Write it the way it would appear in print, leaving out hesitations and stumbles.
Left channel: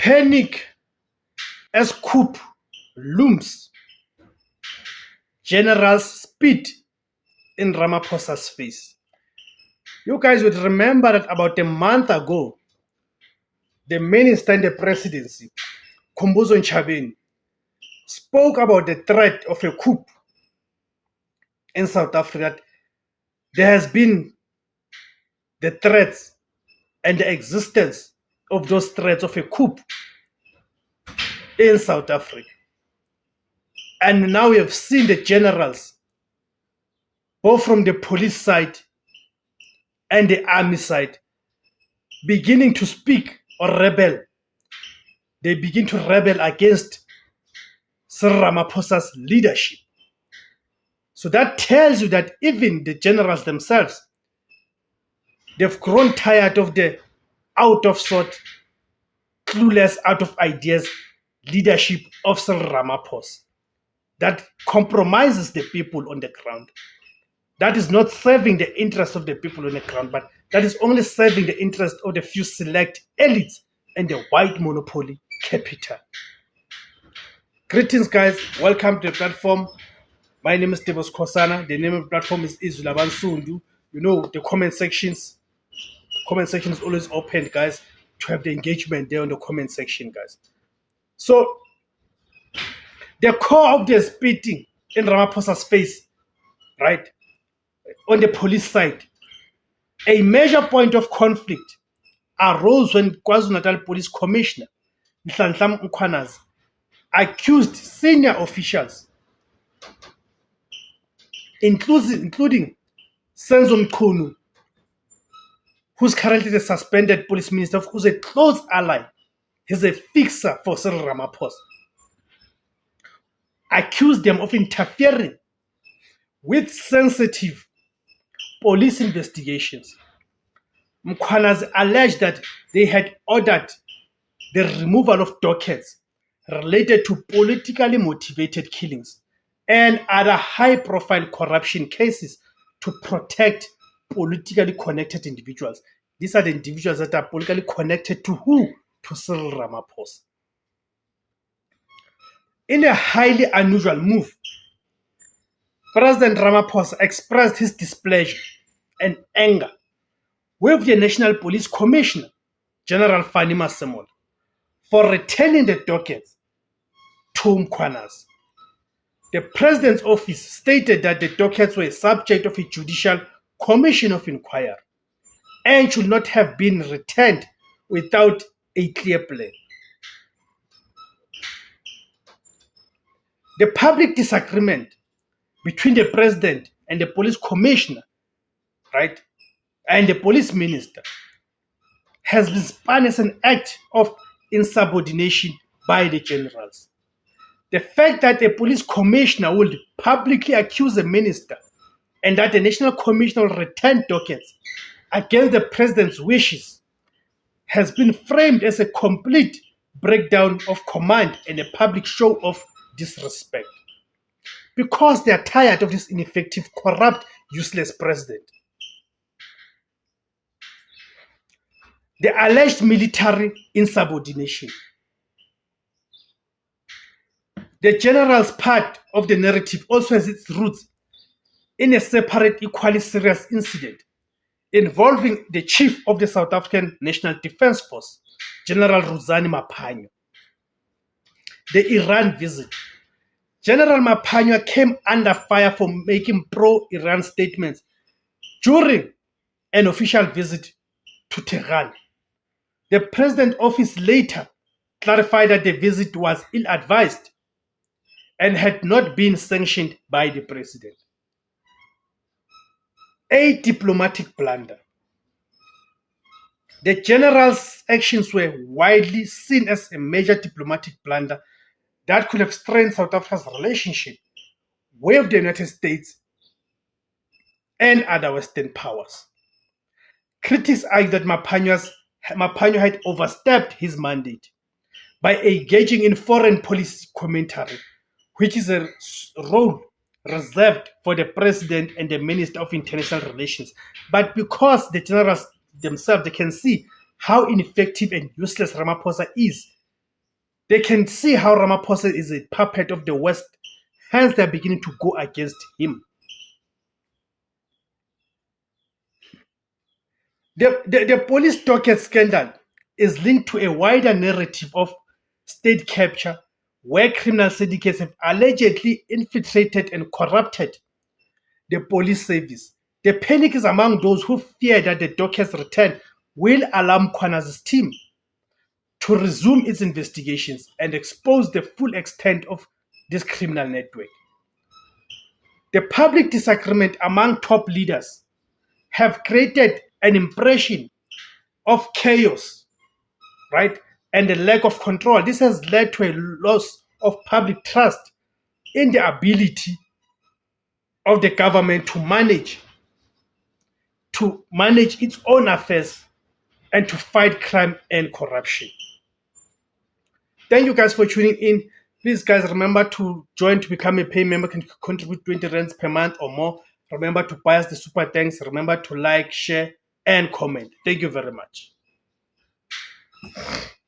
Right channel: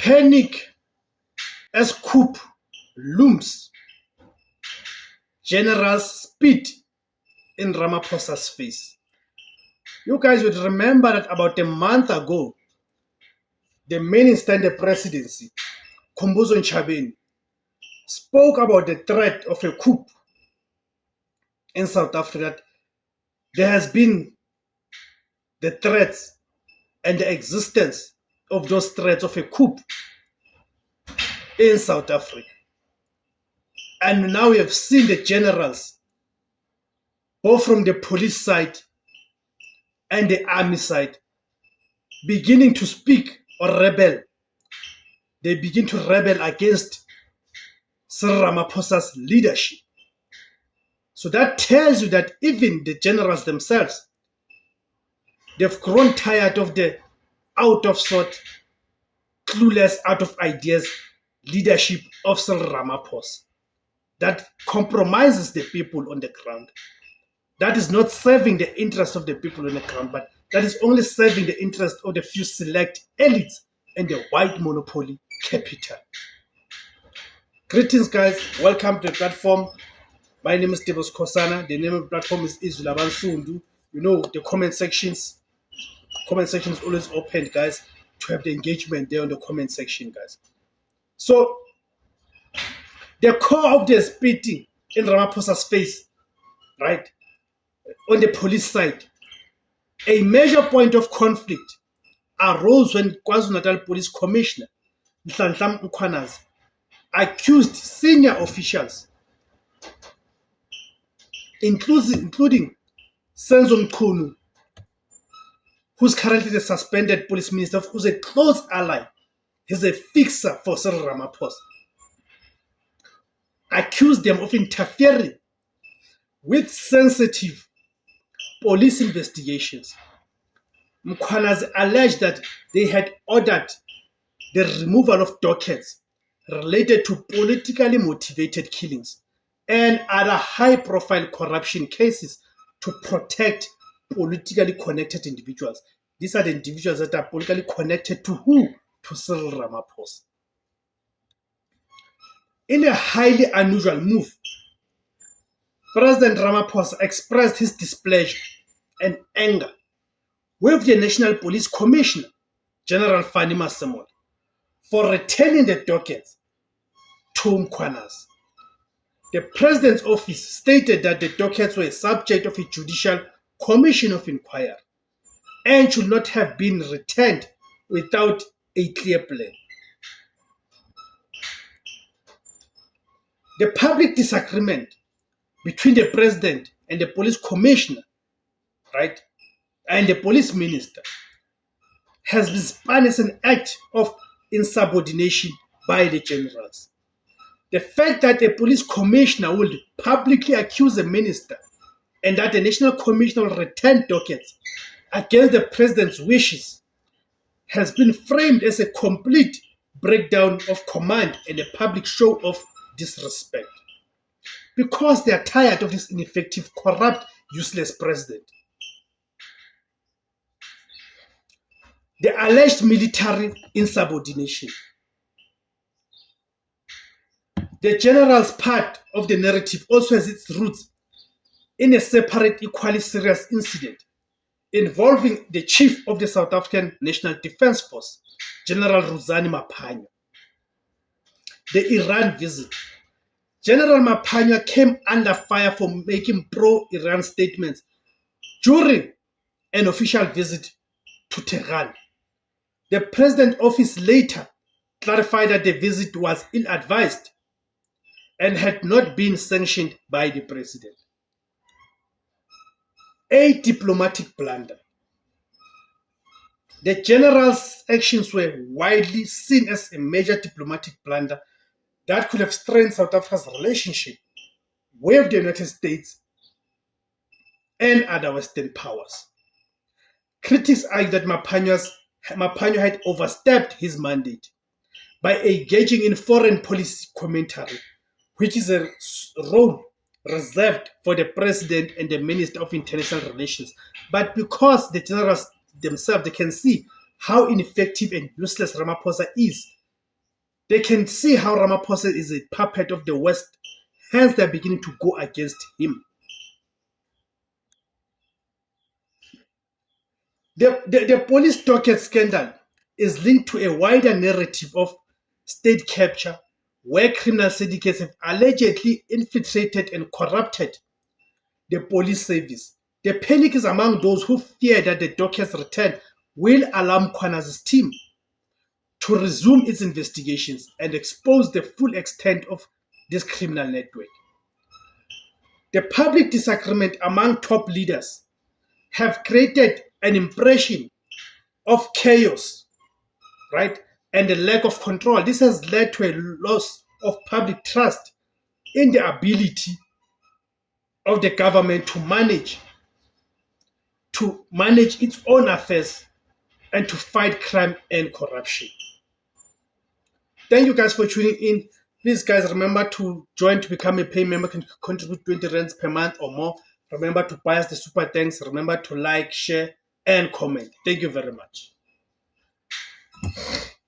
Panic as coup looms. Generals spit in Ramaphosa's face. You guys would remember that about a month ago, the minister in the presidency, Khumbudzo Ntshavheni, spoke about the threat of a coup in South Africa. There has been the threats and the existence of those threats of a coup in South Africa. And now we have seen the generals, both from the police side and the army side, beginning to speak or rebel. They begin to rebel against Cyril Ramaphosa's leadership. So that tells you that even the generals themselves, they've grown tired of the out of sort, clueless, out of ideas leadership of Cyril Ramaphosa that compromises the people on the ground. That is not serving the interest of the people on the ground, but that is only serving the interest of the few select elites and the white monopoly capital. Greetings, guys. Welcome to the platform. My name is Tebos Kosana. The name of the platform is Izulaban Sundu. You know, the comment section is always open, guys, to have the engagement there on the comment section, guys. So, the core of the spitting in Ramaphosa's face, right, on the police side, a major point of conflict arose when KwaZulu-Natal Police Commissioner Nhlanhla Mkhwanazi accused senior officials, including Senzo Mchunu, who's currently the suspended police minister, who's a close ally, he's a fixer for Cyril Ramaphosa, accused them of interfering with sensitive police investigations. Mkhwanazi alleged that they had ordered the removal of dockets related to politically motivated killings and other high-profile corruption cases to protect politically connected individuals. These are the individuals that are politically connected to who? To Cyril Ramaphosa. In a highly unusual move, President Ramaphosa expressed his displeasure and anger with the National Police Commissioner, General Fanny Masemola, for returning the dockets to Mkhwanazi. The President's office stated that the dockets were subject of a judicial commission of inquiry and should not have been returned without a clear plan. The public disagreement between the President and the police commissioner, right, and the police minister has been spun as an act of insubordination by the generals. The fact that a police commissioner will publicly accuse a minister and that the National Commission will return dockets against the President's wishes has been framed as a complete breakdown of command and a public show of disrespect, because they are tired of this ineffective, corrupt, useless president. The alleged military insubordination. The general's part of the narrative also has its roots in a separate, equally serious incident involving the chief of the South African National Defence Force, General Ruzani Maphanya. The Iran visit. General Maphanya came under fire for making pro-Iran statements during an official visit to Tehran. The President's office later clarified that the visit was ill-advised and had not been sanctioned by the President. A diplomatic blunder. The general's actions were widely seen as a major diplomatic blunder that could have strained South Africa's relationship with the United States and other Western powers. Critics argue that Maphanya had overstepped his mandate by engaging in foreign policy commentary, which is a role reserved for the President and the Minister of International Relations. But because the generals themselves, they can see how ineffective and useless Ramaphosa is, They can see how Ramaphosa is a puppet of the West, hence they're beginning to go against him. The police docket scandal is linked to a wider narrative of state capture, where criminal syndicates have allegedly infiltrated and corrupted the police service. The panic is among those who fear that the docket's return will alarm Kwana's team to resume its investigations and expose the full extent of this criminal network. The public disagreement among top leaders have created an impression of chaos, right, and a lack of control. This has led to a loss of public trust in the ability of the government to manage its own affairs and to fight crime and corruption. Thank you guys for tuning in. Please, guys, remember to join to become a paying member. Can contribute 20 rands per month or more. Remember to buy us the super thanks. Remember to like, share, and comment. Thank you very much.